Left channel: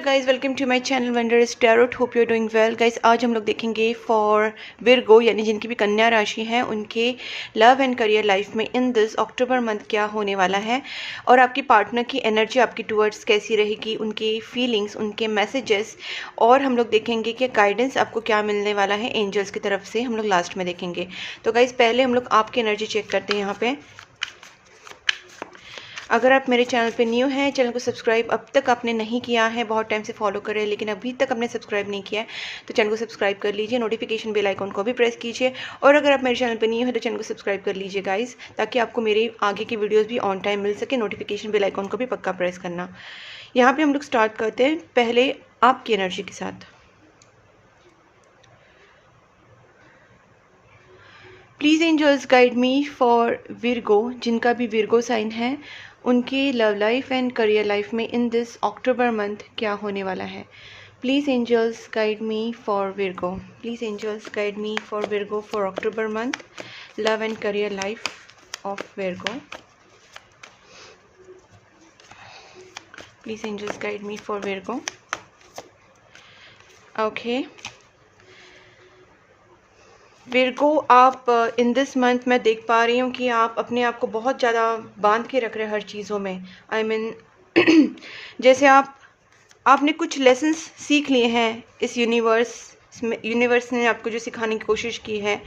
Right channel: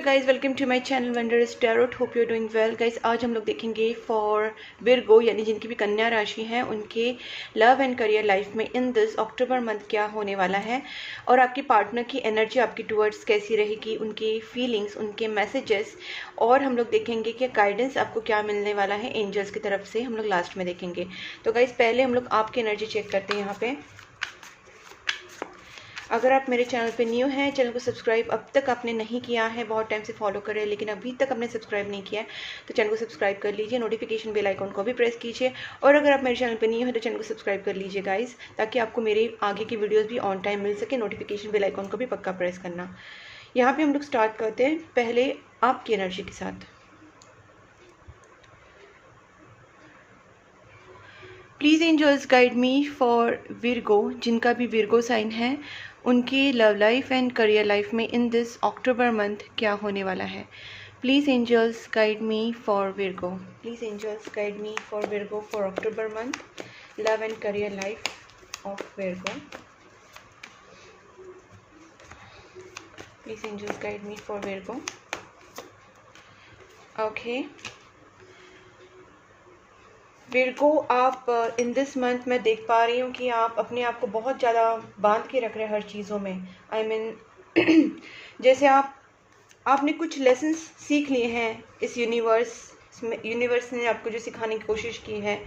Hello guys, welcome to my channel Wondrous Tarot. Hope you are doing well guys. आज हम लोग देखेंगे for Virgo यानी जिनकी भी कन्या राशि है, उनके लव एंड करियर लाइफ में इन दिस अक्टूबर मंथ क्या होने वाला है और आपकी पार्टनर की एनर्जी आपकी टूवर्ड्स कैसी रहेगी, उनकी फीलिंग्स, उनके मैसेजेस, और हम लोग देखेंगे कि गाइडेंस आपको क्या मिलने वाला है एंजल्स की तरफ से। हम लोग लास्ट में देखेंगे। तो गाइस पहले हम लोग आपकी एनर्जी चेक करते हैं यहाँ पे। अगर आप मेरे चैनल पे न्यू हैं, चैनल को सब्सक्राइब अब तक आपने नहीं किया है, बहुत टाइम से फॉलो कर रहे हैं लेकिन अभी तक आपने सब्सक्राइब नहीं किया है, तो चैनल को सब्सक्राइब कर लीजिए, नोटिफिकेशन बेल आइकन को भी प्रेस कीजिए। और अगर आप मेरे चैनल पे न्यू हैं तो चैनल को सब्सक्राइब कर लीजिए गाइस, ताकि आपको मेरे आगे की वीडियोज़ भी ऑन टाइम मिल सके। नोटिफिकेशन बेल आइकन को भी पक्का प्रेस करना। यहाँ पर हम लोग स्टार्ट करते हैं पहले आपकी एनर्जी के साथ। Please angels guide me for Virgo, जिनका भी विर्गो साइन है, उनकी love life and career life में इन दिस अक्टूबर मंथ क्या होने वाला है। Please angels guide me for Virgo. Please angels guide me for Virgo for October month, love and career life of Virgo. Please angels guide me for Virgo. Okay Virgo, आप in this month मैं देख पा रही हूँ कि आप अपने आप को बहुत ज़्यादा बांध के रख रहे हैं हर चीज़ों में। आई मीन जैसे आपने कुछ लेसन्स सीख लिए हैं इस यूनिवर्स ने आपको जो सिखाने की कोशिश की है,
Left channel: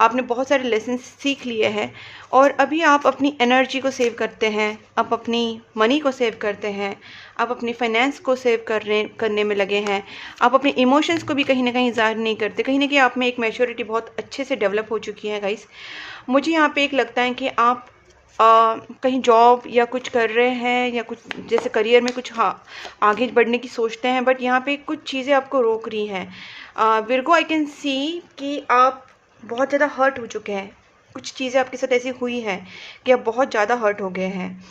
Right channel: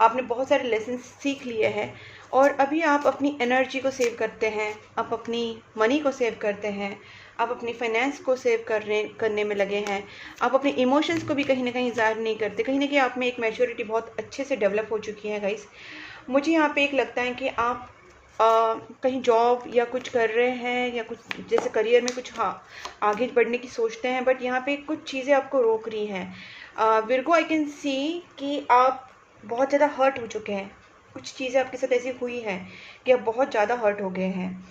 आपने बहुत सारे लेसन्स सीख लिए हैं और अभी आप अपनी एनर्जी को सेव करते हैं, आप अपनी मनी को सेव करते हैं, आप अपनी फाइनेंस को सेव करने में लगे हैं, आप अपने इमोशंस को भी कहीं ना कहीं ज़ाहिर नहीं करते। कहीं ना कहीं आप में एक मैच्योरिटी बहुत अच्छे से डेवलप हो चुकी है गाइस। मुझे यहाँ पे एक लगता है कि आप कहीं जॉब या कुछ कर रहे हैं या कुछ जैसे करियर में कुछ आगे बढ़ने की सोचते हैं, बट यहाँ पे कुछ चीज़ें आपको रोक रही हैं। विर्गो, आई कैन सी कि आप बहुत ज़्यादा हर्ट हो चुके हैं। कुछ चीज़ें आपके साथ ऐसी हुई हैं कि आप बहुत ज़्यादा हर्ट हो गए हैं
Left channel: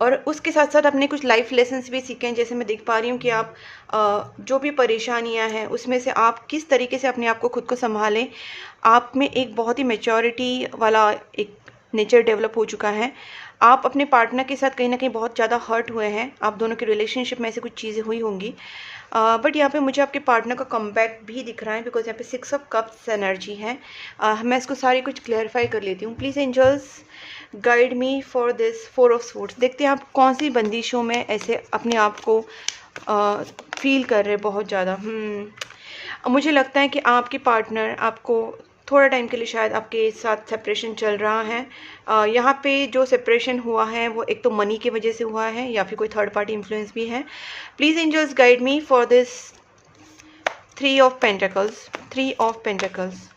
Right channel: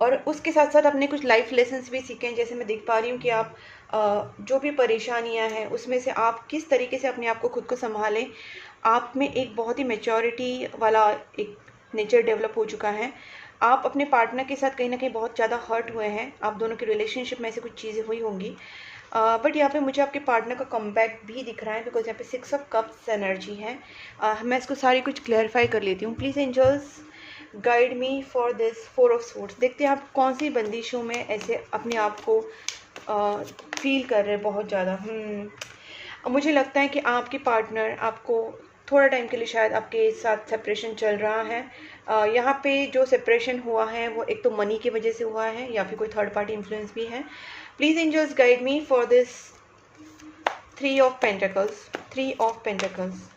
और उसके साथ साथ अपने कुछ लाइफ लेसन्स भी सीखे हैं। जैसे मैं देख पा रही हूँ कि आप जो भी परेशानियाँ हैं उसमें से आप किस तरीके से अपने आप को खुद को संभालें। आप में एक बहुत ही मैच्योरिटी वाला एक नेचर डेवलप हो चुका है। आप अपने पार्टनर के साथ कहीं ना कहीं बहुत ज़्यादा हर्ट हुए हैं। आप दोनों के रिलेशनशिप में ऐसे कुछ चीज़ें हुई होंगी, बट यहाँ पे मुझे आपके पार्टनर का कमबैक भी दिख रहा है, बिकॉज यहाँ पे 6 ऑफ कप्स एनर्जी है। मैं इसको सारी कुछ क्लैरिफाई कर लेती हूँ। Please angels guide me for this 4 of swords. देखते हैं आप कौन सी बंदिशों में ऐसे अपने आप को फील कर रहे हैं बहुत ज़्यादा। मुझे लगता है कि आपके पार्टनर आपको थोड़ा टाइम के लिए शायद आपके साथ सेपरेशन चल रहा है। यहाँ पे जो सेपरेशन हुआ है वो एक तो मनी की वजह से हुआ है या फिर कोई थर्ड पार्टी इन्फ्लुएंस भी है। Please angels guide me for this 3 of pentacles. 3 of pentacles.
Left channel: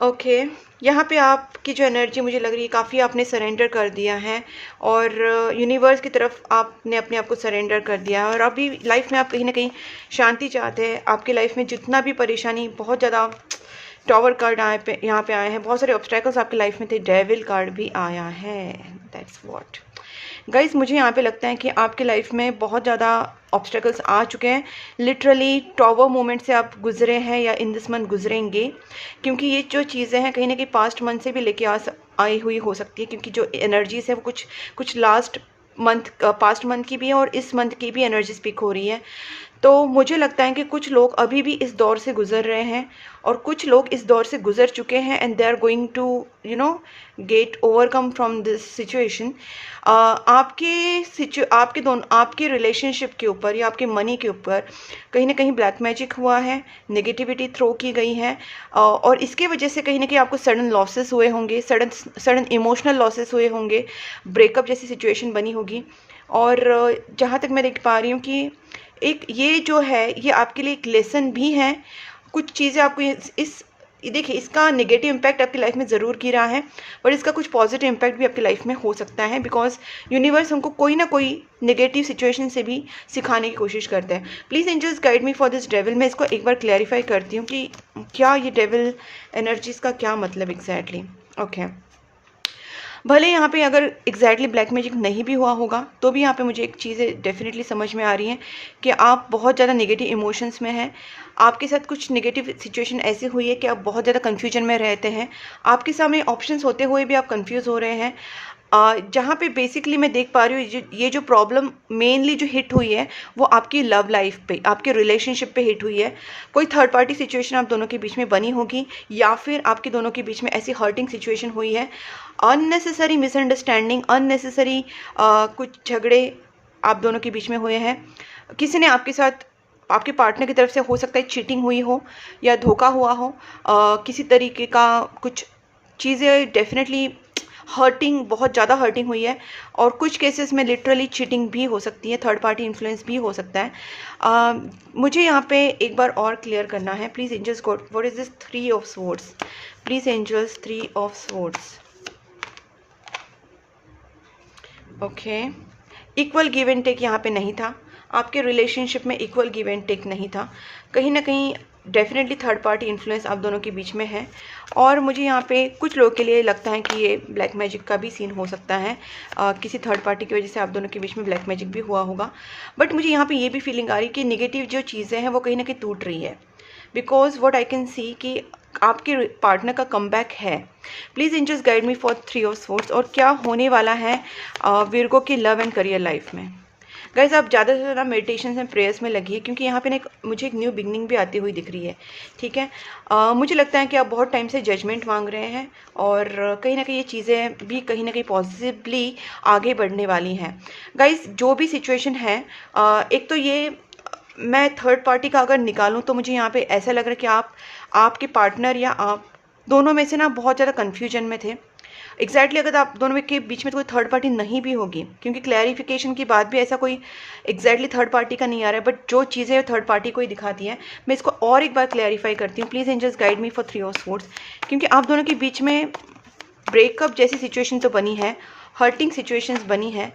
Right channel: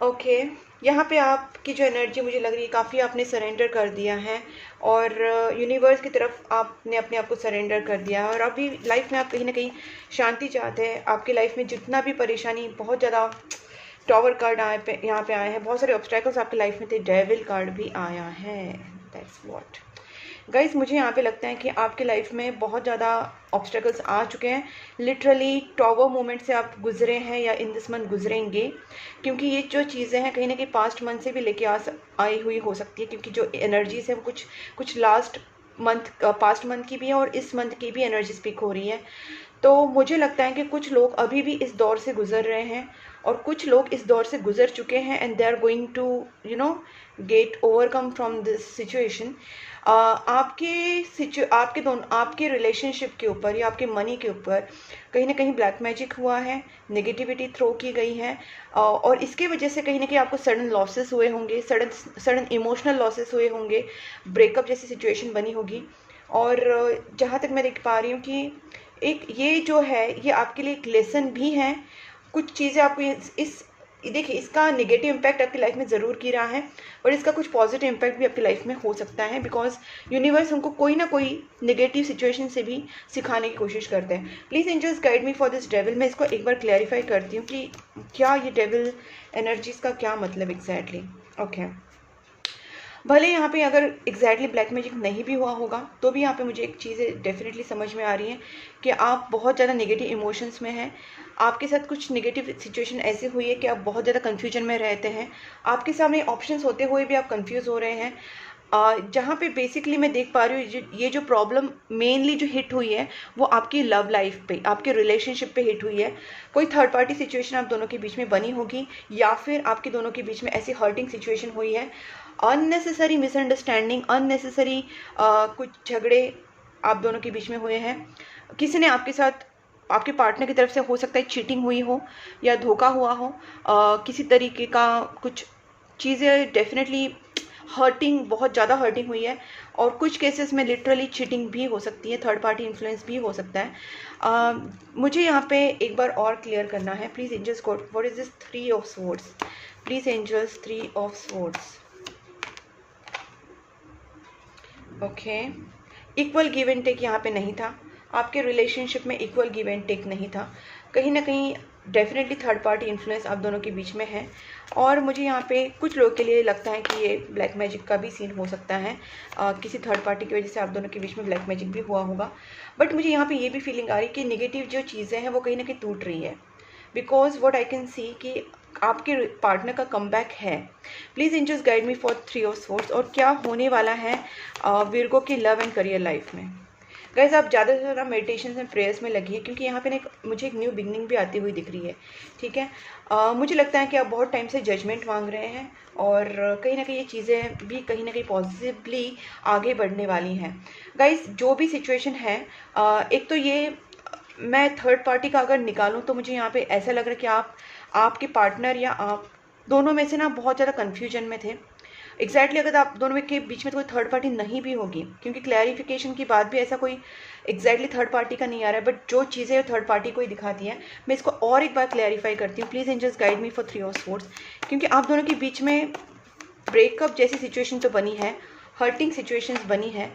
Okay यहाँ पे आपकी जो एनर्जी मुझे लग रही है काफ़ी आपने सरेंडर कर दिया है और यूनिवर्स की तरफ आपने अपने आप को सरेंडर कर दिया है और अभी लाइफ में आप कहीं ना कहीं शांति चाहते हैं। आपकी लाइफ में जितना भी परेशानी, बहुत ज़्यादा टावर कार्ड यहाँ पे आए हैं, बहुत सारे ऑब्स्टैकल्स आपकी लाइफ में थे, डेविल कार्ड भी आया है। दैट्स व्हाट गाइस, मुझे यहाँ पे लगता है कि आपके लाइफ में बहुत ज़्यादा ऑब्स्टेकल्स आ चुके हैं। लिटरली टॉवर मोमेंट से आप गुजरे हैं या इन दिस मंथ गुजरेंगे, क्योंकि ये जो चीज़ें हैं कहीं ना कहीं पास्ट मंथ से भी लेके आई हुई हो सकती है, क्योंकि जो एनर्जीज है वो कुछ लास्ट मंथ, पास्ट मंथ की भी है और इस मंथ की भी एनर्जी स्पीक हो रही है। तो मुझे लगता है कि कुछ लोग अभी भी इस दौर से गुजर रहे हैं और कुछ लोग इस दौर से गुजर चुके हैं and they are going to get overcome from this situation. आपके रिलेशनशिप के ऊपर या आपके मनी के ऊपर कहीं ना कहीं ब्लैक मैजिक हुआ है, नेगेटिविटी थ्रो की गई है और इसकी वजह से कहीं ना कहीं आपको सडन लॉसेस हुए होंगे, सडन इमोशनल लॉसेस हुए होंगे, ब्रेकअप जैसी सिचुएशन बनी होगी। और जहाँ तक मैं देख पा रही हूँ कि एक ये जो है ये आपके लिए एक लेसन भी है। कुछ चीज़ें आपको देखिए, इसका नेगेटिव इम्पैक्ट आपकी लाइफ में ज़रूर की रहा है, पर इसका कुछ पॉजिटिव इम्पैक्ट भी आपकी लाइफ में हो सकता है, बिकॉज यूनिवर्स हमको कोई ना कोई नेगेटिव सिचुएशन से भी सिखाने की कोशिश करते हैं। Please angels guide me for this devil. मैं इसको एक बार क्लैरिफाई करती हूँ कि क्या ये डेविल एनर्जीज का क्या मतलब एग्जैक्टली। ओके भले यहाँ पे अगर एग्जैक्टली ब्लैक मैजिक नहीं भी हुआ होगा तो भी यहाँ पे मुझे एक चीज़ें डेफिनेटली समझ में आ रही हैं कि आप बहुत ज़्यादा नेगेटिव इमोशंस में हैं। आपके साथ कुछ नेगेटिव सिचुएशन ऐसी हुई है कि आप बहुत ज़्यादा कन्फ्यूजन में रहते हैं। आपके सामने ऑप्शंस होते हुए भी आप कंफ्यूज हो रहे हैं। जहाँ पे बेसिकली मैं देख पा रही हूँ ये जो प्रॉब्लम मेनली जो हिट हुई है वो आपकी लव लाइफ पे, आपके रिलेशनशिप पे हिट हुई है। कोई थर्ड पार्टी सिचुएशन आप दोनों के बीच में बनी होगी, या फिर आपके दोनों के बीच में ऐसी हर्टिंग सिचुएशन हुई है, अननेसेसरी मिसअंडरस्टैंडिंग, अननेसेसरी कुछ झगड़े आप दोनों के बीच में हुए हैं। किसी ने आपके साथ, आपके पार्टनर की तरफ से हो सकता है चीटिंग हुई हो या धोखा हुआ हो, किसी तरीके का कुछ चीज़ें डेफिनेटली हर्टिंग, बहुत ज़्यादा हर्टिंग हुई है। और कुछ केसेस में लिटरली चीटिंग भी हो सकती है, थर्ड पार्टी इन्फ्लुएंस भी हो सकता है। मुझे यहाँ पे एक बार और क्लियर करना है। Please angels god, what is this 3 of swords? Please angels 3 of swords. Okay, equal give and take यहाँ पे नहीं था, आपके रिलेशनशिप में इक्वल गिव एंड टेक नहीं था। कहीं ना कहीं डेफिनेटली थर्ड पार्टी इन्फ्लुएंस आप दोनों के बीच में है। और मुझे यहाँ पे कुछ लोगों के लिए लगता है कि ये ब्लैक मैजिक का भी सीन हो सकता है, किसी थर्ड पार्टी की वजह से आप दोनों के बीच में ब्लैक मैजिक भी हुआ होगा। बट मुझे यहाँ पे ये भी फीलिंग आ रही है कि निगेटिव जो चीज़ें हैं वो कहीं ना कहीं टूट रही है, because what I can see कि आपके पार्टनर का कमबैक है। Please angels guide me for 3 of swords. और क्या होने वाला है विर्गो की लव एंड करियर लाइफ में? गाइज आप ज़्यादा से ज़्यादा मेडिटेशन एंड प्रेयर्स में लगी है, क्योंकि यहाँ पे मुझे एक न्यू बिगनिंग भी आती हुई दिख रही है। ठीक है, मुझे लगता है कि आप बहुत टाइम से जजमेंट मांग रहे हैं, और कहीं ना कहीं ये चीज़ें भी कहीं ना कहीं पॉजिटिवली आगे बढ़ने वाली हैं। गाइज जो भी सिचुएशन है, एक तो ये मैं थर्ड पार्टी का अगर निकालूं तो मुझे यहाँ पे ऐसा लग रहा है कि आपके पार्टनर या आप दोनों में से ना बहुत ज़्यादा कन्फ्यूजन में थे। एग्जैक्टली अगर आप दोनों के बीच में तो कोई थर्ड पार्टी नहीं भी होगी, क्योंकि क्लैरिफिकेशन की बात भी ऐसा कोई एग्जैक्टली थर्ड पार्टी का नहीं आ रहा है, बट जो चीज़ें थर्ड पार्टी को ही दिखाती है। मैं इसको और एक बार क्लैरिफाई करती हूँ। Please angels guide me for 3 of swords, क्योंकि आप दोनों के बीच में ब्रेकअप जैसी सिचुएशन तो बनी है, हर्टिंग सिचुएशंस बनी है।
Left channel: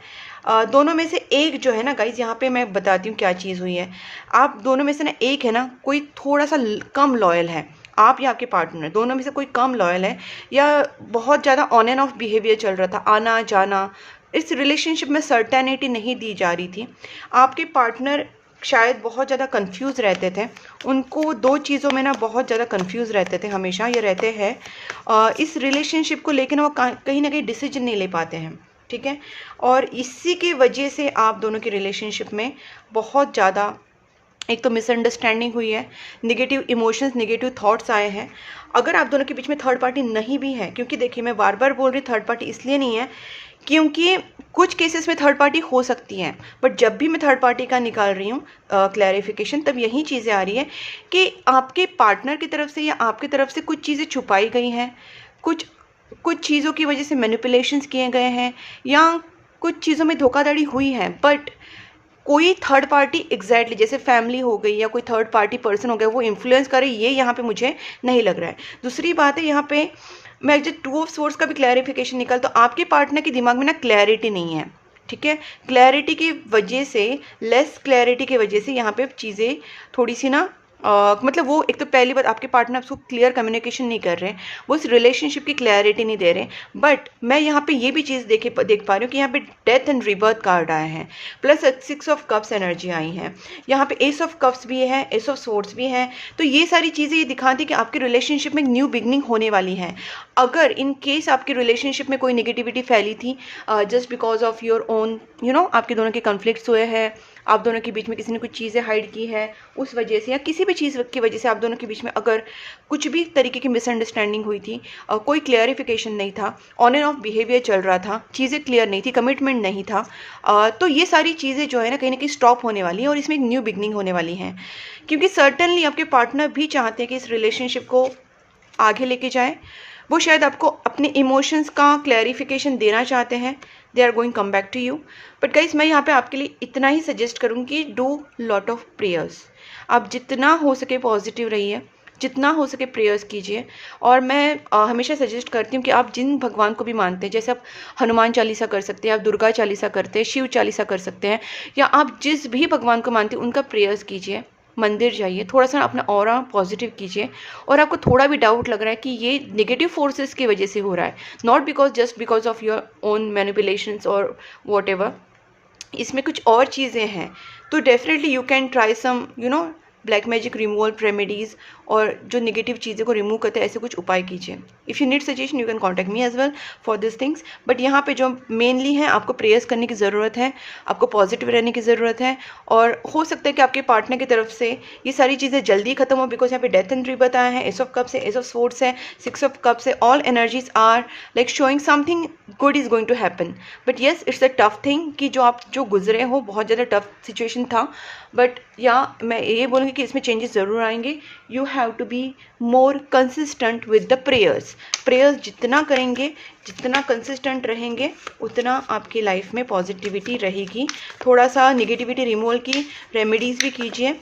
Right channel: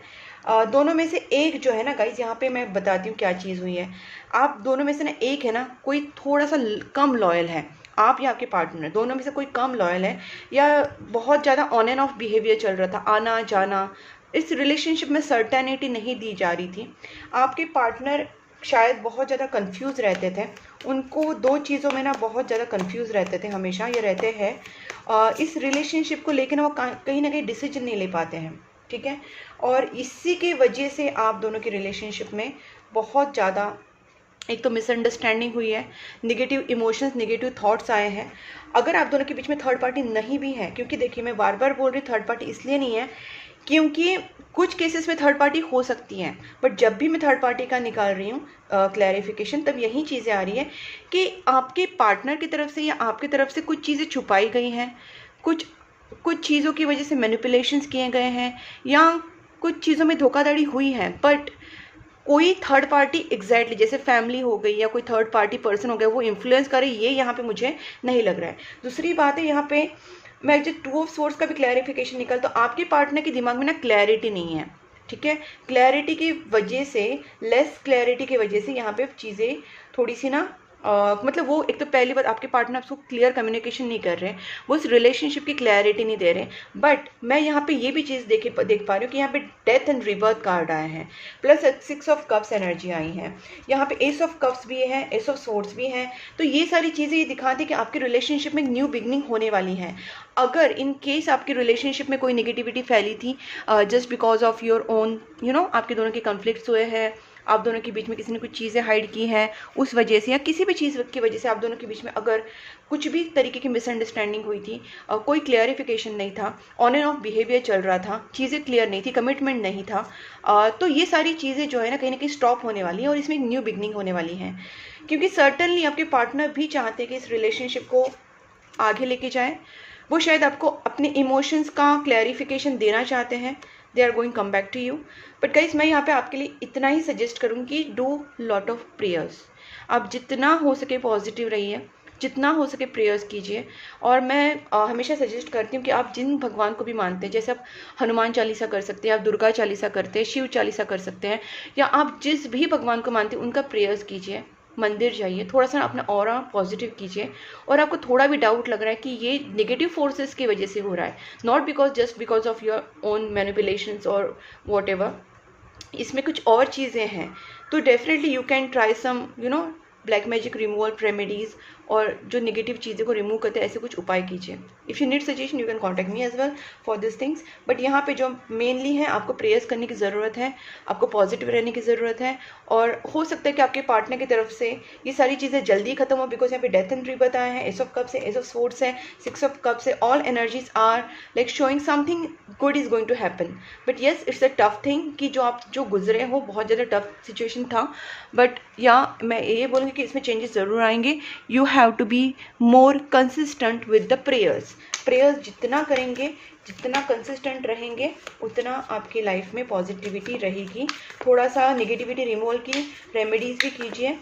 दोनों में से एक जो है ना गाइज, यहाँ पे मैं बताती हूँ क्या चीज़ हुई है। आप दोनों में से ना एक है ना कोई थोड़ा सा कम लॉयल है, आप या आपके पार्टनर दोनों में से कोई कम लॉयल है, या बहुत ज़्यादा ऑन एंड ऑफ बिहेवियर चल रहा था, आना जाना, इस रिलेशनशिप में सर्टेनिटी नहीं दी जा रही थी। आपके पार्टनर शायद बहुत ज़्यादा कंफ्यूज रहते थे, उनको 2 चीज़ों में ना बहुत ज़्यादा कंफ्यूज रहते थे, हमेशा ये रहते हैं इस रिलेशनशिप को लेकर वो कहीं ना कहीं डिसीजन नहीं ले पाते हैं। ठीक है, और इसी की वजह से आप दोनों की रिलेशनशिप में बहुत ज़्यादा एक तो मिसअंडरस्टैंडिंग हुई है, नेगेटिव इमोशंस, नेगेटिव थॉट्स आए हैं। अगर आप दोनों के बीच में थर्ड पार्टी नहीं भी है, क्योंकि देखिए मैं बार बार बोल रही थर्ड पार्टी इसलिए नहीं है क्योंकि कुछ केसेस में थर्ड पार्टी हो सकती है, बट जब भी मैं थर्ड पार्टी का निकाल रही हूँ क्लैरिफिकेशन, तब यही चीज़ें आ रही है कि आपके पार्टनर की तरफ से या आपकी तरफ से कुछ चीज़ें छुपाई गई हैं, कुछ चीज़ों की वजह से मैनिपुलेशंस किए गए हैं, या कुछ चीज़ों में धोखाधड़ी हुई है। बट कोई थर्ड पार्टी एग्जैक्टली जैसे फैमिली हो गई या कोई थर्ड पार्टी पर्सन हो गया वो इन्फ्लुएंस करे, ये यहाँ पे मुझे नहीं लग रहा है। दूसरी बात है, यहाँ पे मैं जब 2 ऑफ स्वॉर्ड्स का भी क्लैरिफिकेशन निकाल, तो आपके पार्टनर के दिमाग में ना क्लैरिटी नहीं है। ठीक है, क्लैरिटी की वजह से, लेस क्लैरिटी की वजह से यहाँ पे चीज़ें थोड़ी सी ना मतलब वो एक तो पहली बात आपके पार्टनर आपको क्लियर कम्युनिकेशन नहीं कर रहे हैं, वो उस रिलेशनशिप की क्लैरिटी नहीं दे रहे। बट मैं यहाँ पे ये भी चीज़ देख पा रही हूँ कि यहाँ पे डेथ एंड रिबर्थ कार्ड आए हैं, प्लस 6 ऑफ कप्स एनर्जी आई है, यहाँ पे एस ऑफ कप्स भी है, एस ऑफ स्वॉर्ड्स भी है। तो ये सारी चीज़ें ये दिखाती है कि आपके रिलेशनशिप में न्यू बिगनिंग होने वाली है। अगर इन केस आपके रिलेशनशिप में कोई निगेटिविटी फैली थी just because of your own आपके दोनों के कन्फ्लिक्ट्स हुए हैं, आप दोनों के बीच में किसी ने कुछ चीज़ें हाइड की हैं उस वजह से, या किसी भी चीज़ की वजह से आप दोनों के बीच में अगर कुछ भी तरीके की मिसअंडरस्टैंडिंग हुई थी, कोई क्लियरिफिकेशन नहीं था, ऑन एंड ऑफ बिहेवियर चल रहा था, चीज़ें क्लियर नहीं थी, कमिटमेंट नहीं था, तो ये सारी चीज़ें जो है ना कहीं स्टॉप होने वाली है और इसमें एक न्यू बिगनिंग होने वाली है। क्योंकि सर्टनली आपके पार्टनर भी चाहते हैं कि इस रिलेशनशिप को आगे लेके जाए, वो शायद आपको अपने इमोशंस का क्लैरिफिकेशन देना चाहते हैं, they are going come back to you. But guys मैं यहाँ पे आपके लिए इतना ही सजेस्ट करूँगी, डू लॉट ऑफ प्रेयर्स। आप जितना हो सके पॉजिटिव रहिए, जितना हो सके प्रेयर्स कीजिए। और मैं हमेशा सजेस्ट करती हूँ कि आप जिन भगवान को भी मानते हैं, जैसे आप हनुमान चालीसा कर सकते हैं, आप दुर्गा चालीसा करते हैं, शिव चालीसा कर सकते हैं, या आप जिस भी भगवान को मानते हैं उनका प्रेयर्स कीजिए, मंदिर जाइए, थोड़ा सा अपना ऑरा पॉजिटिव कीजिए। और आपको थोड़ा भी डाउट लग रहा है कि ये नेगेटिव फोर्सेस की वजह से हो रहा है, not because just because of your own manipulations और वॉट एवर, इसमें कुछ और चीज़ें हैं, तो definitely you can try some black magic removal remedies और जो नेगेटिव चीज़ों को रिमूव करते हैं, ऐसे कुछ उपाय कीजिए। If you need suggestion you can contact me as well for this things. But यहाँ पे जो मेनली है, आपको प्रेयर्स करने की ज़रूरत है, आपको पॉजिटिव रहने की ज़रूरत है, और हो सकता है कि आपके पार्टनर की तरफ से ये सारी चीज़ें जल्दी खत्म हो, बिकॉज यहाँ पे डेथ एंड रीबर्थ आया है, एस ऑफ कप्स है, एस ऑफ स्वॉर्ड्स है, सिक्स ऑफ कप्स है। All energies are like showing something good is going to happen. But yes, it's a tough thing कि जो गुजरे हो, बहुत ज़्यादा टफ सिचुएशन था। बट या मैं ये बोलूँगी कि इसमें चेंजेस ज़रूर आएंगे। You have to be more consistent with the prayers. Prayers जितना करेंगे, जितना कंसिस्टेंट रहेंगे, उतना आपकी लाइफ में पॉजिटिविटी रहेगी। थोड़ा सा नेगेटिविटी रिमूवल की रेमेडीज़ भी कीजिए,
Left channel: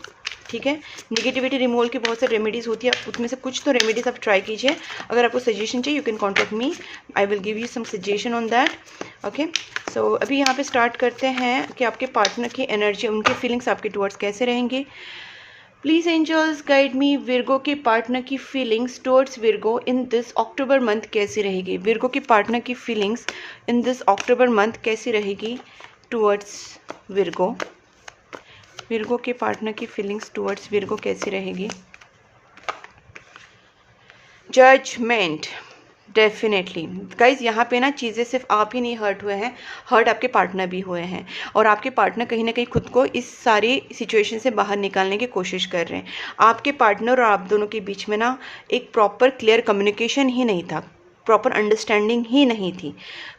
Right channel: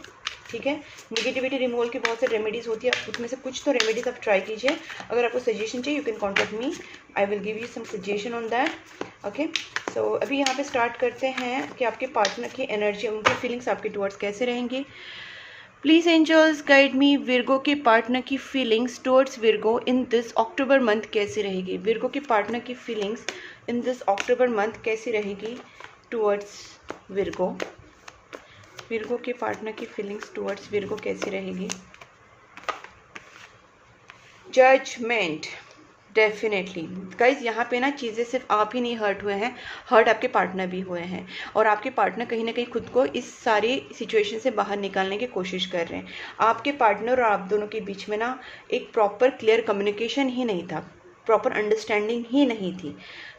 ठीक है। नेगेटिविटी रिमूवल की बहुत सारी रेमेडीज़ होती है, उसमें से कुछ तो रेमेडीज़ आप ट्राई कीजिए। अगर आपको सजेशन चाहिए, you can contact me, I will give you some suggestion on that. Okay, so अभी यहाँ पे स्टार्ट करते हैं कि आपके पार्टनर की एनर्जी, उनकी फीलिंग्स आपके टुवर्ड्स कैसे रहेंगी। Please angels guide me, Virgo के पार्टनर की feelings towards Virgo in this October month कैसी रहेगी। विर्गो के पार्टनर की feelings in this October month कैसी रहेगी टुवर्ड्स विर्गो। विर्गो के पार्टनर की फीलिंग्स टुवर्ड्स विर्गो कैसी रहेगी। जजमेंट, डेफिनेटली गाइज, यहाँ पे ना चीज़ें सिर्फ आप ही नहीं हर्ट हुए हैं, हर्ट आपके पार्टनर भी हुए हैं, और आपके पार्टनर कहीं ना कहीं खुद को इस सारी सिचुएशन से बाहर निकालने की कोशिश कर रहे हैं। आपके पार्टनर और आप दोनों के बीच में ना एक प्रॉपर क्लियर कम्युनिकेशन ही नहीं था, प्रॉपर अंडरस्टैंडिंग ही नहीं थी।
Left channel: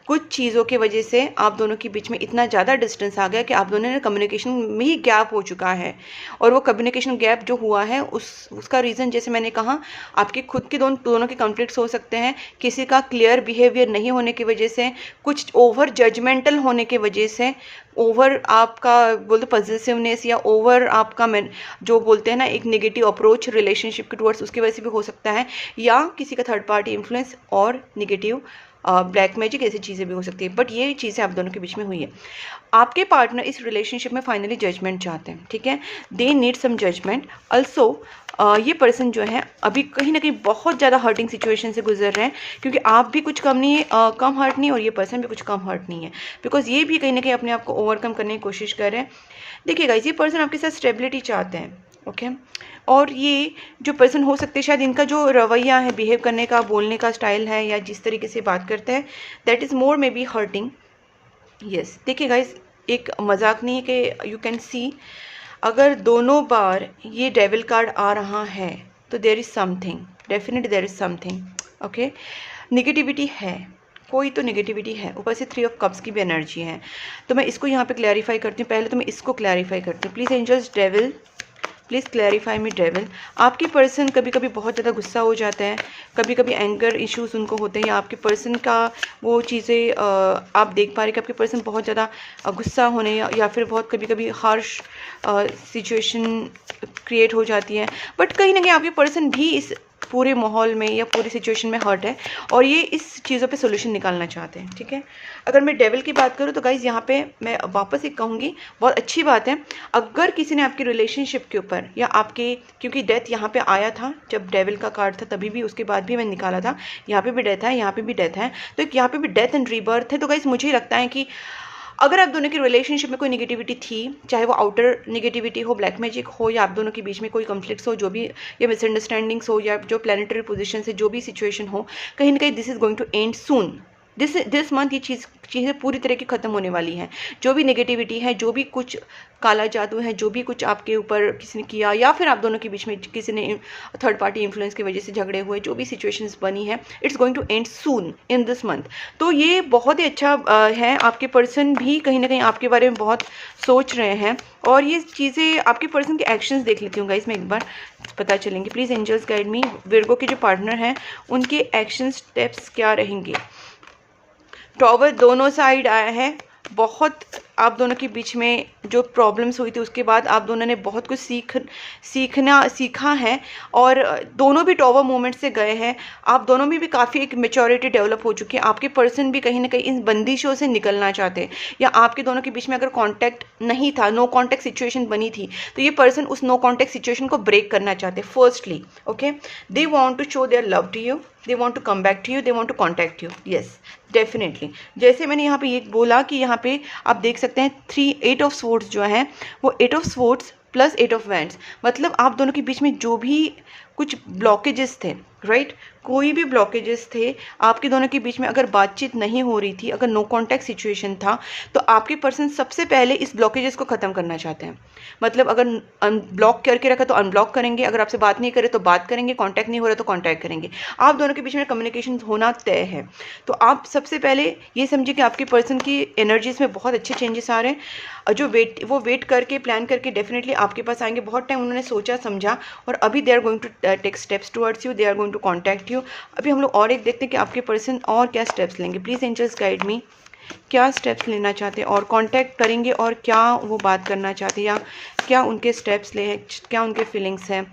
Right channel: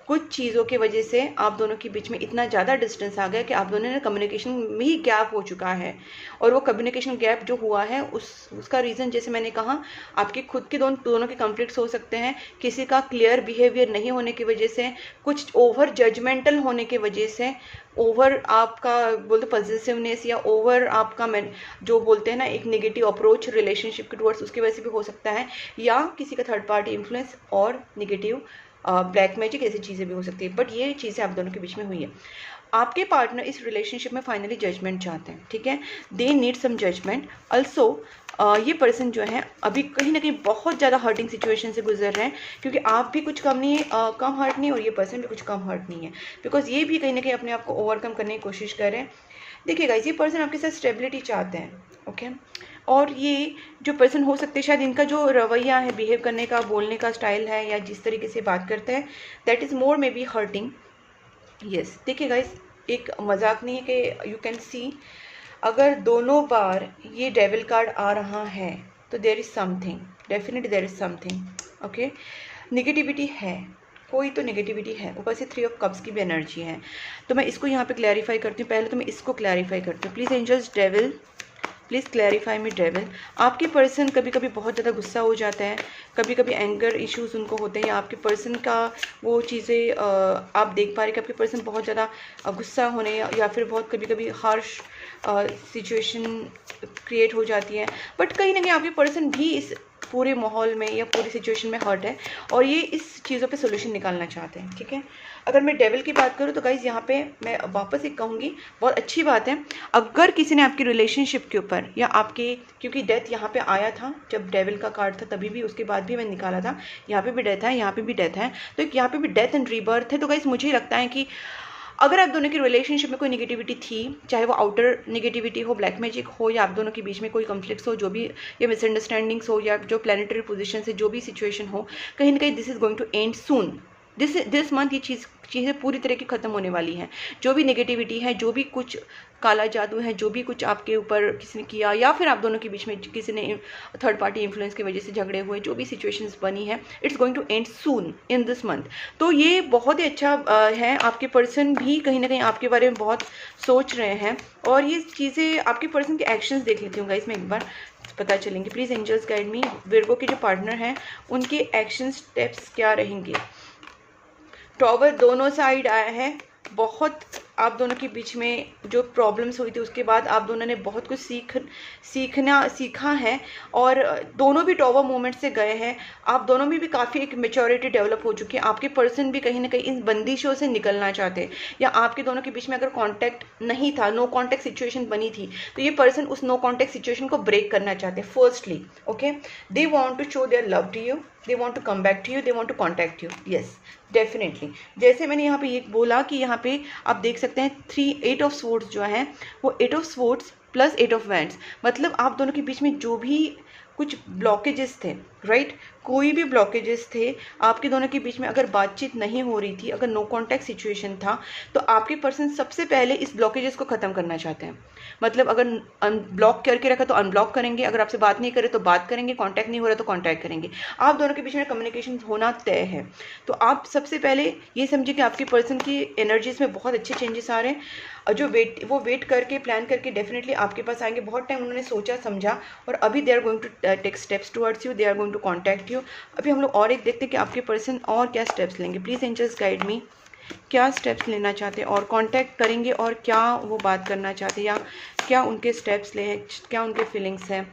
कुछ चीज़ों की वजह से आप दोनों के बीच में इतना ज़्यादा डिस्टेंस आ गया कि आप दोनों ने कम्युनिकेशन में ही गैप हो चुका है। और वो कम्युनिकेशन गैप जो हुआ है, उसका रीज़न जैसे मैंने कहा, आपके खुद के दोनों के कॉन्फ्लिक्ट्स हो सकते हैं, किसी का क्लियर बिहेवियर नहीं होने की वजह से, कुछ ओवर जजमेंटल होने की वजह से, ओवर आपका बोलते पॉजिटिवनेस, या ओवर आपका जो बोलते हैं ना एक नेगेटिव अप्रोच रिलेशनशिप के टुवर्ड्स, उसकी वजह से भी हो सकता है, या किसी का थर्ड पार्टी इन्फ्लुएंस और नेगेटिव ब्लैक मैजिक, ऐसी चीज़ें भी हो सकती है। बट ये चीज़ें आप दोनों के बीच में हुई है। आपके पार्टनर इस रिलेशनशिप में फाइनली जजमेंट चाहते हैं, ठीक है, they need some judgement also. ये पर्सन जो है अभी कहीं ना कहीं बहुत ज़्यादा हर्टिंग सिचुएशन से गुजर रहे हैं, क्योंकि आप भी कुछ कम हर्ट नहीं, और ये पर्सन भी कुछ कम हर्ट नहीं है, बिकॉज ये भी कहीं ना कहीं अपने आप को ओवरकम करने की कोशिश कर रहे हैं। देखिएगा, ये पर्सन आपके साथ स्टेबिलिटी चाहते हैं, ओके। और ये जो पर्सन हो सकते हैं, शायद इनका जो रवैया है, बिहेव करने का, बोलने का स्टाइल है, या जिस तरीके से बात करते हैं, that is more may be hurting. Yes, देखिए गाइस, एक मजाक नहीं है कि यू कैन सी, अगर दोनों बार ये डेविल कार्ड आ रहा है तो there is something, definitely there is something, okay. Negativity है, कोई तो निगेटिविटी है, ऊपर से 3 ऑफ कप्स की भी एनर्जी है। तो मैं इसको यहाँ पे क्लैरिफाई करती हूँ। पहले तो मैं इसको क्लैरिफाई करती हूँ। Please angels, devil please clarify me devil. आपकी पर्सन कभी कभी बहुत ज़्यादा गुस्सा हो जाता है, कभी कभी एंगर इश्यूज उनको होते हैं, या आपके पर्सन का वो चीज़ें आप देख पा रहे कि आपके पर्सन बहुत ज़्यादा गुस्सा होने, या फिर बहुत कभी कभी हार्श सिचुएशन क्रिएट हो जाती है। बट कहीं ना कहीं आपके पर्सन भी इस पूरे माहौल में या पूरी सिचुएशन में हर्ट है, और ये इस चीज़ों पे सोल्यूशन निकालना चाहते हैं, ठीक है। अगर मैं डेविल की बात करूँ तो गाइज, यहाँ पे मैं वापस एक कहूँगी, बहुत अच्छी बात है अगर किसी ने आपकी रिलेशनशिप के ऊपर, या आपके, क्योंकि डेथ यहाँ पे आया था जब डेविल का कार्ड था, तभी भी, उसके बाद भी मैंने निकाला था, यहाँ पे भी डेथ है, यहाँ पे भी डेथ है, तो यहाँ पे भी डेथ एंड रीबर्थ है। तो गाइज, मुझे लगता है कि अगर आप दोनों की रिलेशनशिप में कोई नेगेटिविटी थी, चाहे वो आउटर नेगेटिविटी हो, ब्लैक मैजिक हो, या आप दोनों के बीच में कोई कॉन्फ्लिक्ट्स हो, जो भी, या मिसअंडरस्टैंडिंग्स हो, या जो प्लैनेटरी पोजीशन से जो भी सिचुएशन हो, कहीं ना कहीं this is going to end soon. This month ये चीज़ें पूरी तरह की ख़त्म होने वाली हैं। जो भी नेगेटिविटी है, जो भी कुछ काला जादू है, जो भी कुछ आपके ऊपर किसी ने किया, या फिर आप दोनों के बीच में किसी ने थर्ड पार्टी इन्फ्लुएंस की वजह से झगड़े हुए, जो भी सिचुएशंस बनी है, it's going to end soon in this month. तो ये बहुत ही अच्छा है। आपके पर्सन भी कहीं ना कहीं आपके बारे में बहुत सोच रहे हैं, और ये चीज़ें आपके पर्सन के एक्शंस देख लेती हूँ गाइस, मैं एक बार पता चलेंगे। Please angels guide me, Virgo के जो पार्टनर हैं उनके एक्शन स्टेप्स क्या रहेंगे। टॉवर दोनों साइड आया है। बहुत आप दोनों के बीच में जो प्रॉब्लम्स हुई थी, उसके बाद आप दोनों ने बहुत कुछ सीखा है, और दोनों भी टॉवर मूवमेंट से गए हैं। आप दोनों में भी काफ़ी एक मेच्योरिटी डेवलप हो चुकी है। आपके पर्सन भी कहीं ना कहीं इन बंदिशों से निकलना चाहते हैं, या आपके दोनों के बीच में अगर कांटेक्ट नहीं था, नो कांटेक्ट सिचुएशन बनी थी, तो ये पर्सन उस नो कांटेक्ट सिचुएशन को ब्रेक करना चाहते हैं। Firstly, okay, they want to show their love to you, they want to come back to you, they want to contact you. Yes, definitely. जैसे मैंने यहाँ पे ये बोला कि यहाँ पे आप देख सकते हैं 8 ऑफ स्वॉर्ड्स जो है, वो 8 of swords plus 8 of wands, मतलब आप दोनों के बीच में जो भी कुछ ब्लॉकेजेस थे, राइट? कोई भी ब्लॉकेजेस थे आपके दोनों के बीच में, अगर बातचीत नहीं हो रही थी, अगर नो कॉन्टैक्ट सिचुएशन था, तो आपके पर्सन सबसे पहले इस ब्लॉकेजेस को ख़त्म करना चाहते हैं। मतलब अगर अनब्लॉक करके रखा तो अनब्लॉक करेंगे, अगर आपसे बात नहीं करे तो बात करेंगे, कांटेक्ट नहीं हो रहा तो कांटेक्ट करेंगे। आप दोनों के बीच में कम्युनिकेशन होना तय है। तो आप सबसे पहले ये समझिए कि आपके पर्सन की एनर्जीज में बहुत अच्छे चेंजेस आ रहे हैं। जो वो वेट करके प्लान करके डेफिनेटली आपके पास आएंगे। बहुत टाइम उन्होंने सोचा समझा और अभी they are going to take steps towards you, they are going to contact you. अभी हम लोग और एक देखते हैं कि आपके पर्सन और क्या स्टेप्स लेंगे। प्लीज़ एंजल्स गाइड मी, क्या स्टेप्स लेना चाहते हैं और कांटेक्ट करेंगे और क्या वो बात करना चाहते हैं, या क्या उनके स्टेप्स ले, क्या उनके फीलिंग्स हैं।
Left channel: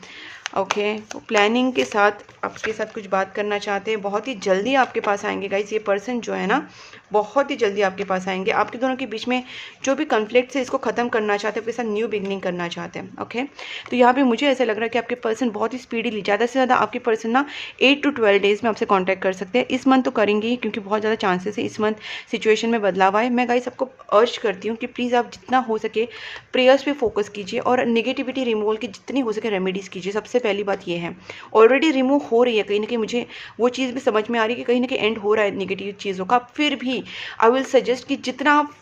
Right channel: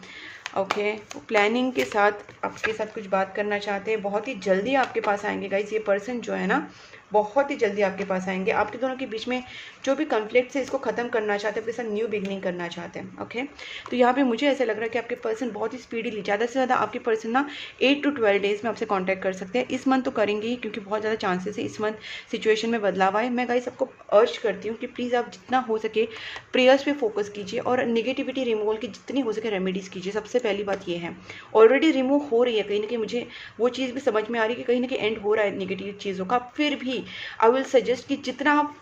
ओके, प्लानिंग के साथ आपके साथ कुछ बात करना चाहते हैं। बहुत ही जल्दी आपके पास आएंगे गाइस। ये पर्सन जो है ना, बहुत ही जल्दी आपके पास आएंगे। आपके दोनों के बीच में जो भी कन्फ्लिक्ट है इसको ख़त्म करना चाहते हैं, आपके साथ न्यू बिगनिंग करना चाहते हैं। ओके, तो यहाँ पे मुझे ऐसा लग रहा है कि आपके पर्सन बहुत ही स्पीडीली, ज़्यादा से ज़्यादा आपके पर्सन ना 8 to 12 डेज़ में आपसे कांटेक्ट कर सकते हैं। इस मंथ तो करेंगे ही, क्योंकि बहुत ज़्यादा चांसेस है इस मंथ सिचुएशन में बदलाव आए। मैं गाइस आपको अर्ज करती हूँ कि प्लीज़ आप जितना हो सके प्रेयर्स पे फोकस कीजिए और नेगेटिविटी रिमूवल की जितनी हो सके रेमेडीज़ कीजिए। सबसे पहली बात ये है, ऑलरेडी रिमूव हो रही है कहीं ना कहीं, मुझे वो चीज़ भी समझ में आ रही है कि कहीं ना कहीं एंड हो रहा है नेगेटिव चीज़ों का। फिर भी आई विल सजेस्ट कि जितना आप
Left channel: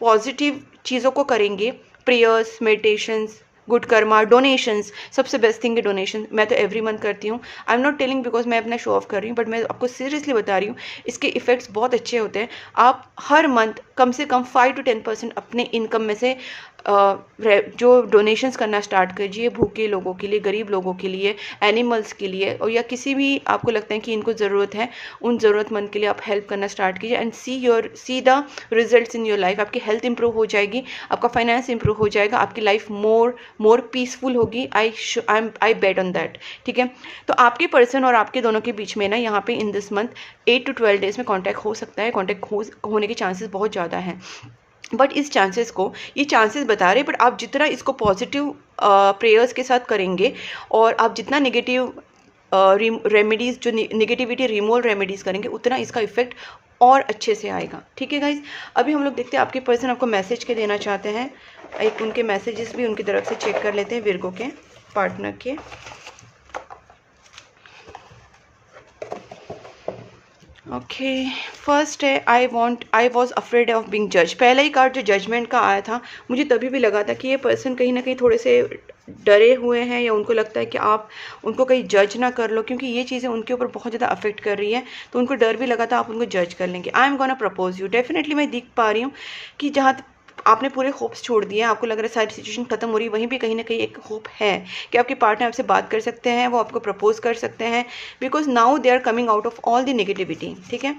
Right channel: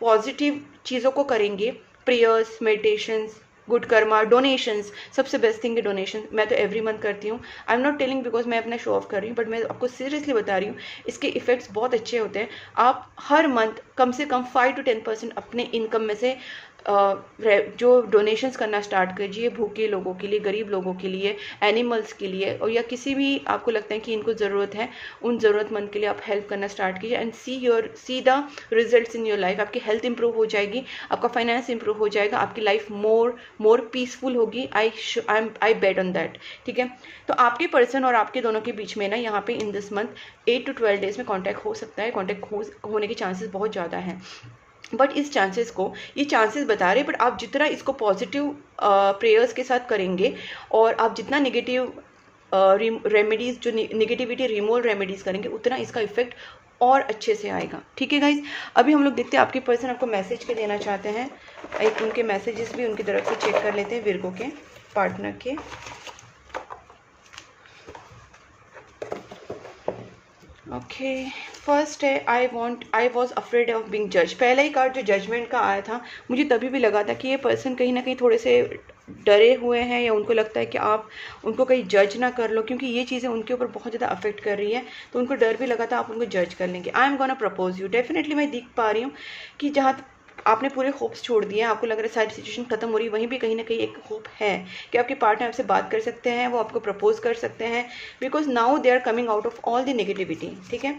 पॉजिटिव चीज़ों को करेंगे, prayers, meditations, good Karma, donations, सबसे बेस्ट थिंग है डोनेशन। मैं तो एवरी मंथ करती हूँ। I am not telling because मैं अपना शो ऑफ कर रही हूँ, बट मैं आपको सीरियसली बता रही हूँ, इसके इफेक्ट्स बहुत अच्छे होते हैं। आप हर मंथ कम से कम 5 to 10% अपने इनकम में से जो डोनेशंस करना स्टार्ट कीजिए, भूखे लोगों के लिए, गरीब लोगों के लिए, एनिमल्स के लिए, और या किसी भी आपको लगता है कि इनको ज़रूरत है, उन ज़रूरतमंद के लिए आप हेल्प करना स्टार्ट कीजिए and see the results in your life. आपकी हेल्थ इंप्रूव हो जाएगी, आपका फाइनेंस इंप्रूव हो जाएगा, आपकी लाइफ मोर पीसफुल होगी। आई बेट ऑन दैट। ठीक है, तो आपके पर्सन और आपके दोनों के बीच में ना यहाँ पे इन दिस मंथ 8 to 12 डेज में कॉन्टैक्ट हो सकता है। कॉन्टैक्ट होने के चांसेस बहुत ज़्यादा हैं, बट इस चांसेस को, ये चांसेस बता रहे, बट आप जितना इसको पॉजिटिव प्रेयर्स के साथ करेंगे और आप जितना नेगेटिव रेमेडीज़, जो नेगेटिविटी रिमूवल रेमेडीज़ करेंगे, उतना इसका इफेक्ट और अच्छे से आएगा। ठीक है गाइज, अभी हम लोग देखते हैं आपके पर्सन आपको मैसेज के देना चाहते हैं। एक उनके मैसेजेस भी उनकी तरफ से चेक कर लेते हैं, विर्गो के पार्टनर के। ओके, फर्स्ट है I was afraid of being जज। पहला ही कार्ड जो जजमेंट का आया था, मुझे तभी भी लगा था कि ये पर्सन कहीं ना कहीं थोड़े से डरे हुए हैं, या उनको लगता है कि आप उनको कहीं जज ना कर लो, क्योंकि ये चीज़ें उनके ऊपर बहुत ज़्यादा अफेक्ट कर रही है। तो उनको डर भी लगा था आप उनको जज कर लेंगे। I am gonna propose you. Definitely मैं देख पा रही हूँ कि जहाँ आपने पूरे होप्स छोड़ दिए हैं, आपको लग रहा है सारी सिचुएशन खत्म हो रही है, वहीं भी कहीं ना कहीं एक होप है कि आपके पार्टनर आपसे बात कर सकते हैं, वो आपको प्रपोज कर सकते हैं, because now they are coming out of all the negativity. ठीक है,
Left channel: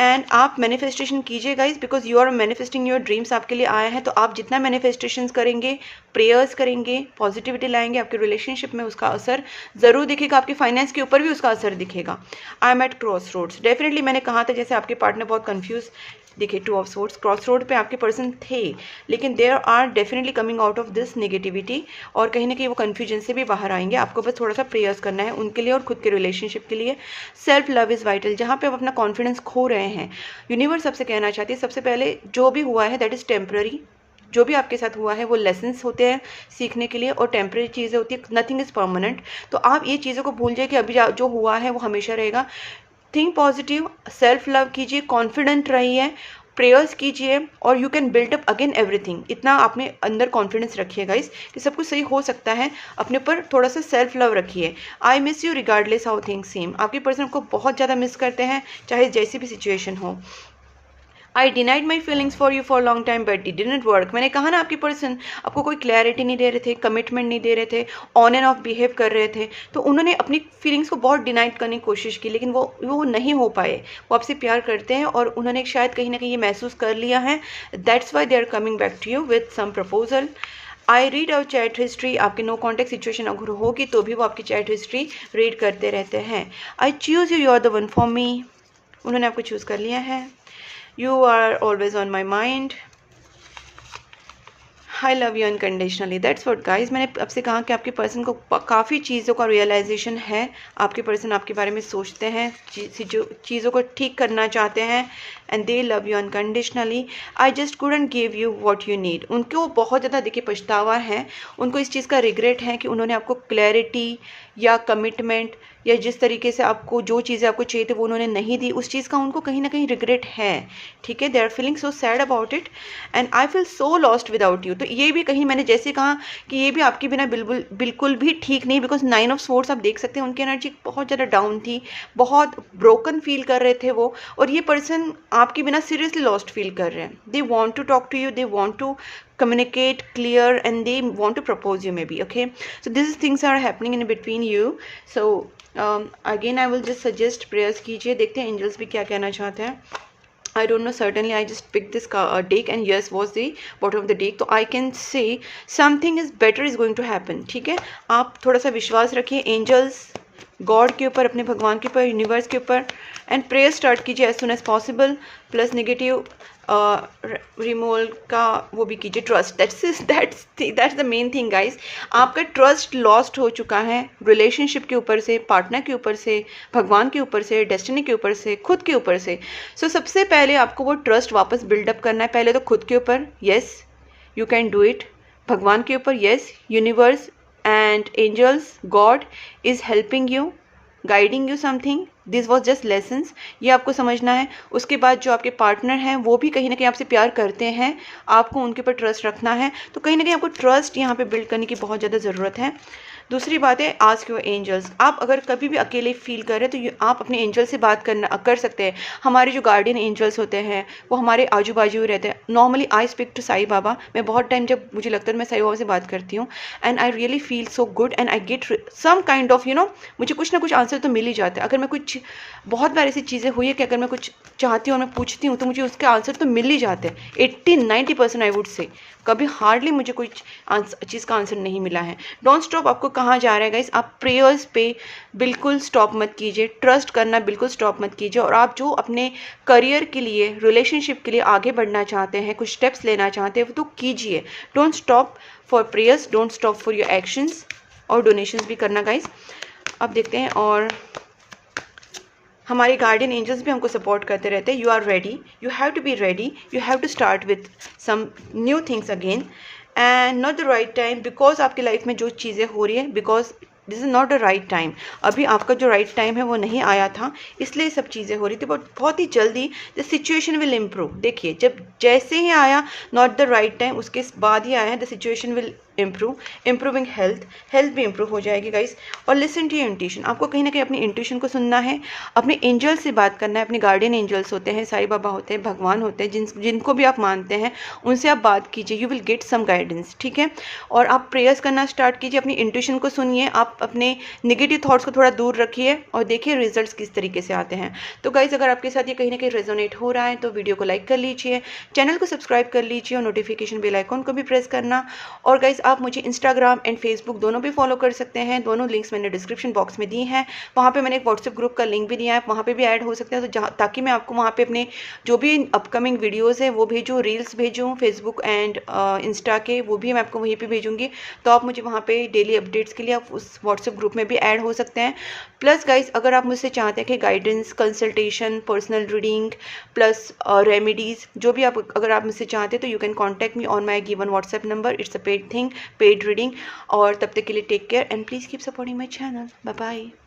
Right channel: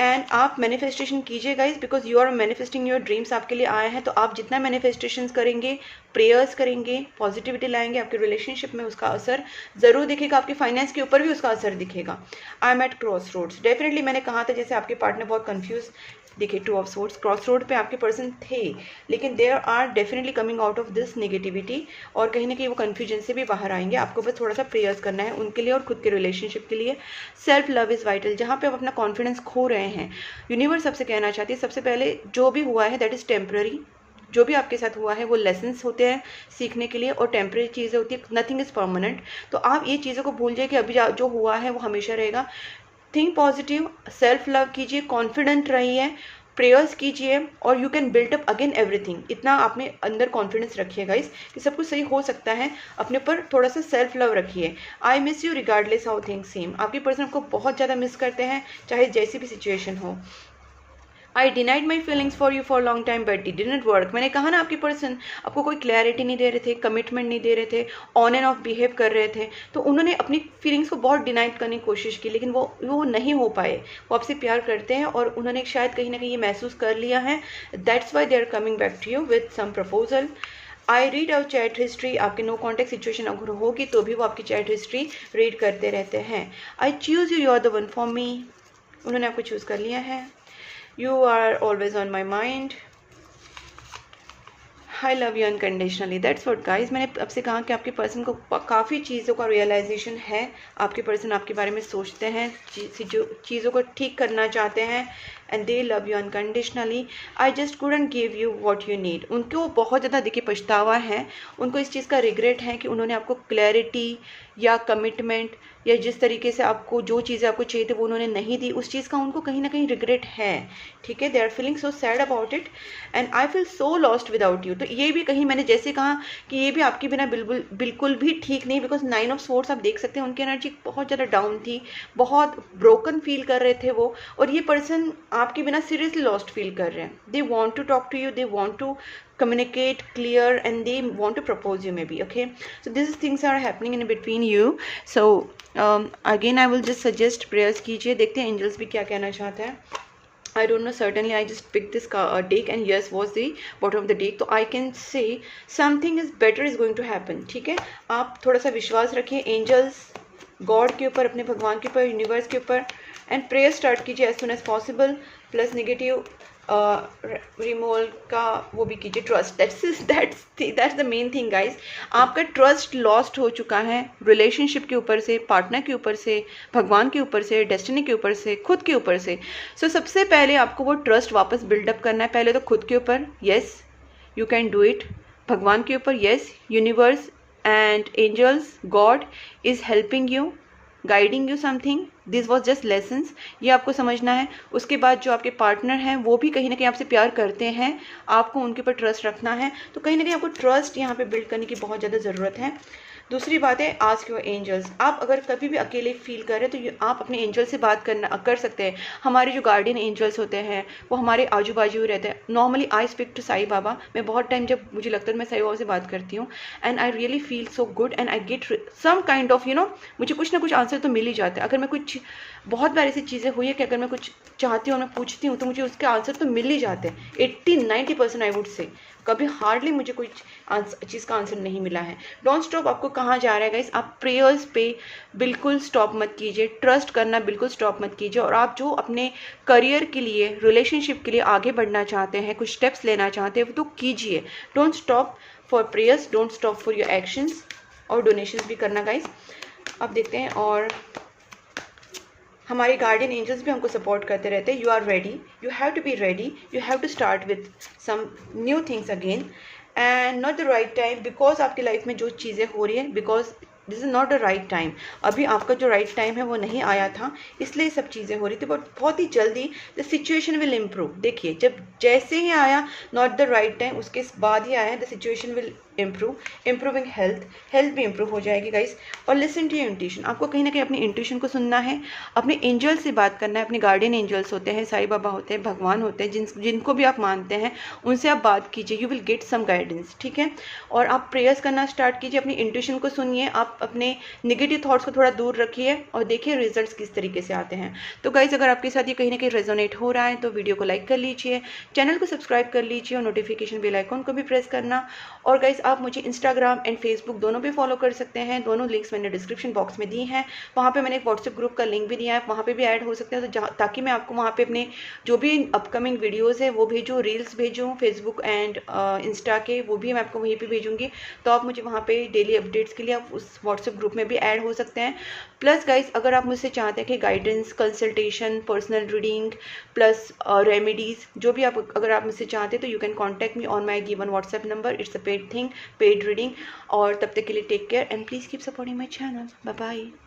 एंड आप मैनिफेस्टेशन कीजिए guys, because you are manifesting your dreams आपके लिए आए हैं। तो आप जितना मैनिफेस्टेशंस करेंगे, प्रेयर्स करेंगे, पॉजिटिविटी लाएंगे, आपके रिलेशनशिप में उसका असर ज़रूर दिखेगा, आपके फाइनेंस के ऊपर भी उसका असर दिखेगा। I am at crossroads. Definitely मैंने कहा था जैसे आपके पार्टनर बहुत कन्फ्यूज देखिए, 2 ऑफ सोर्ड्स, क्रॉस रोड पे आपके पर्सन थे, लेकिन there are definitely coming out of this negativity, और कहीं ना कहीं वो कन्फ्यूजन से भी बाहर आएंगे। आपको बस थोड़ा सा प्रेयर्स करना है उनके लिए और खुद के रिलेशनशिप के लिए। Self love is vital. जहाँ पे आप अपना कॉन्फिडेंस खो रहे हैं, यूनिवर्स आपसे कहना चाहती है सबसे पहले जो भी हुआ है दैट इज़ टेम्पररी। जो भी आपके साथ हुआ है वो लेसन्स होते हैं सीखने के लिए, और टेम्पररी चीज़ें होती है, नथिंग इज़ परमानेंट। तो आप ये चीज़ों को भूल जाइए कि अभी जो हुआ है वो हमेशा रहेगा। थिंक पॉजिटिव, सेल्फ लव कीजिए, कॉन्फिडेंट रहिए, प्रेयर्स कीजिए, और you can build up again everything. इतना अपने अंदर कॉन्फिडेंस रखिएगा इस कि सब कुछ सही हो सकता है। अपने पर थोड़ा सा सेल्फ लव रखिए। I miss you regardless how things सीम। आपके पर्सन को बहुत ज़्यादा मिस करते हैं, चाहे जैसी भी सिचुएशन हो। I denied my feelings for you for long time but it didn't work. मैंने कहा ना, आपकी पर्सन आपको कोई क्लैरिटी नहीं दे रहे थे, कमिटमेंट नहीं दे रहे थे, ऑन एंड ऑफ बिहेव कर रहे थे, तो उन्होंने अपनी फीलिंग्स को बहुत डिनाइड करने की कोशिश की, लेकिन वो नहीं हो पाए। वो आपसे प्यार करते हैं और उन्होंने शायद कहीं ना कहीं ये महसूस कर लिया है। That's why they are coming back to you with some proposal. I read our chat history. आपकी नो कॉन्टेक्ट सिचुएशन अगर होगी तो भी वो आपकी चैट हिस्ट्री रीड करते रहते हैं। I choose you, you are the one for me. उन्होंने आपको चूज़ कर लिया है। You are always on my mind. I love you unconditionally. That's what guys, मैंने आपसे कहा कि आपके पर्सन को काफ़ी चीज़ों का रियलाइजेशन है, आपके पर्सन आपके बारे में सोचते हैं, चीज़ों को ठीक करना चाहते हैं, and they love you unconditionally. I just couldn't give you what you need. उनको बहुत ज़्यादा देखिए पछतावा है, उनको इस चीज़ का रिग्रेट है कि उन्होंने आपको क्लैरिटी या कमिटमेंट या जिस तरीके से आपको जो चीज़ें आपको चाहिए थे वो उन्होंने नहीं दी, उस चीज़ का उनको कहीं ना कहीं रिग्रेट है। ठीक है, they are feeling so sad about it and I feel so lost without you. तो ये भी कहीं मैंने जैसे कहा कि ये भी आपके बिना बिल्कुल बिल्कुल भी ठीक नहीं, बिकॉज 9 ऑफ स्वॉर्ड्स आप देख सकते हैं उनकी एनर्जी बहुत ज़्यादा डाउन थी, बहुत ब्रोकन फील कर रहे थे वो, और ये पर्सन आपके बिना सीरियसली लॉस्ट फील कर रहे हैं। They want to talk to you, they want to communicate clear, and they want to propose you maybe. Okay, so these things are happening in between you. So again I will just suggest prayers कीजिए, देखते हैं angels भी क्या कहना चाहते हैं। I don't know, certainly I just picked this deck and yes was the bottom of the deck, तो I can say something is better is going to happen। ठीक है, आप थोड़ा सा विश्वास रखिए एंजल्स, गॉड के ऊपर, अपने भगवान के ऊपर, यूनिवर्स के ऊपर, एंड प्रेयर स्टार्ट कीजिए as soon as possible. Plus negative removal का वो भी कीजिए, trust, that's the main thing guys. आपका ट्रस्ट लॉस्ट हो चुका है रिलेशनशिप के ऊपर से, पार्टनर के ऊपर से, भगवान के ऊपर से, डेस्टिनी के ऊपर से, खुद के ऊपर से। सो सबसे पहले आपको वो ट्रस्ट वापस बिल्डअप करना है। पहले तो खुद के ऊपर, yes you can do it. भगवान के ऊपर, yes, universe and angels, God is helping you, guiding you something, this was just lessons, ये आपको समझना है। उसके बाद जो आपके पार्टनर हैं वो भी कहीं ना कहीं आपसे प्यार करते हैं, आपको उनके ऊपर ट्रस्ट रखना है। तो कहीं ना कहीं आपको ट्रस्ट यहाँ पे बिल्ड करने की बहुत ज़्यादा ज़रूरत है। दूसरी बात है, आस्क योर एंजल्स। आप अगर कभी भी अकेले फील कर रहे हैं तो आप अपने एंजल से बात कर सकते हैं। हमारे जो गार्डियन एंजल्स होते हैं वो हमारे आजू बाजू ही रहते हैं। Normally I speak to Sai Baba, मैं बहुत टाइम जब मुझे लगता है मैं साई बाबा से बात करती हूँ, and I really feel so good and I get some kind of मुझे कुछ ना कुछ आंसर तो मिल ही जाता है। अगर मैं कुछ, बहुत बार ऐसी चीज़ें हुई है कि अगर मैं कुछ चाहती हूँ, मैं पूछती हूँ, तो मुझे उसके आंसर तो मिल ही जाते हैं। 80-90% आई वुड से, कभी हार्डली मुझे कोई चीज़ का आंसर नहीं मिला है। Don't stop. आपको कहाँ जा रहा है गाइस, आप प्रेयर्स पे बिल्कुल स्टॉप मत कीजिए, ट्रस्ट करना बिल्कुल स्टॉप मत कीजिए। और आप जो अपने करियर के लिए, रिलेशनशिप के लिए आगे बढ़ना चाहते हैं, कुछ स्टेप्स लेना चाहते हैं, वो तो कीजिए। Don't stop for prayers, don't stop for your actions, और डोनेशंस भी करना गाइस। अब देखते हैं, और हमारे गार्डियन एंजल्स भी हमको सपोर्ट करते रहते हैं। You are ready, you have to be ready, you have to start with some new things again, and not the right time, because आपकी लाइफ में जो चीज़ें हो रही है, because this is not the right time. अभी आपका जो राइट टाइम है वो नहीं आया था, इसलिए सब चीज़ें हो रही थी, बट बहुत ही जल्दी द सिचुएशन विल इम्प्रूव। देखिए, जब जैसे ही आया नॉट द राइट टाइम, उसके बाद ही आया है the situation will improve, improving health भी इम्प्रूव हो जाएगी गाइस। और लिसन टू योर इंट्यूशन, आपको कहीं ना कहीं अपनी इंट्यूशन को सुनना है, अपने एंजल से बात करना है। अपने गार्डियन एंजल्स होते हैं, साईं बाबा होते हैं, भगवान होते हैं, जिनको भी आप मानते हैं, उनसे आप बात कीजिए, you will get some guidance. ठीक है, और आप प्रेयर्स करना स्टार्ट कीजिए, अपनी इंट्यूशन को सुनिए, आप अपने नेगेटिव थॉट्स को थोड़ा दूर रखिए, और देखिए रिजल्ट्स किस तरीके से आते हैं। तो गाइस, अगर आपके साथ ये कहीं ना कहीं रेजोनेट हो रहा है तो वीडियो को लाइक कर लीजिए, चैनल को सब्सक्राइब कर लीजिए, और नोटिफिकेशन बेल आइकॉन को भी प्रेस करना। और गाइस, आप मुझे इंस्टाग्राम एंड फेसबुक दोनों पे फॉलो कर सकते हैं, दोनों लिंक्स मैंने डिस्क्रिप्शन बॉक्स में दिए हैं। वहाँ पे मैंने एक व्हाट्सएप ग्रुप का लिंक भी दिया है, वहाँ पे भी ऐड हो सकते हैं, तो ताकि मैं आपको वहाँ पे अपने जो भी अपकमिंग वीडियोज़ है वो भेजूँ, रील्स भेजूँ फेसबुक एंड इंस्टा के, वो भी मैं आपको वहीं पर भेजूँगी। तो आप मुझे वहाँ पर डेली अपडेट्स के लिए आप उस व्हाट्सएप ग्रुप में भी ऐड हो सकते हैं। प्लस गाइस, अगर आप मुझसे चाहते हैं कि guidance, consultation, personal reading plus remedies, जो भी आप अगर आप मुझसे चाहते हैं, तो you can contact me on my given WhatsApp number. It's a paid thing, paid reading. और तब तक के लिए take care and please keep supporting my channel. Bye bye.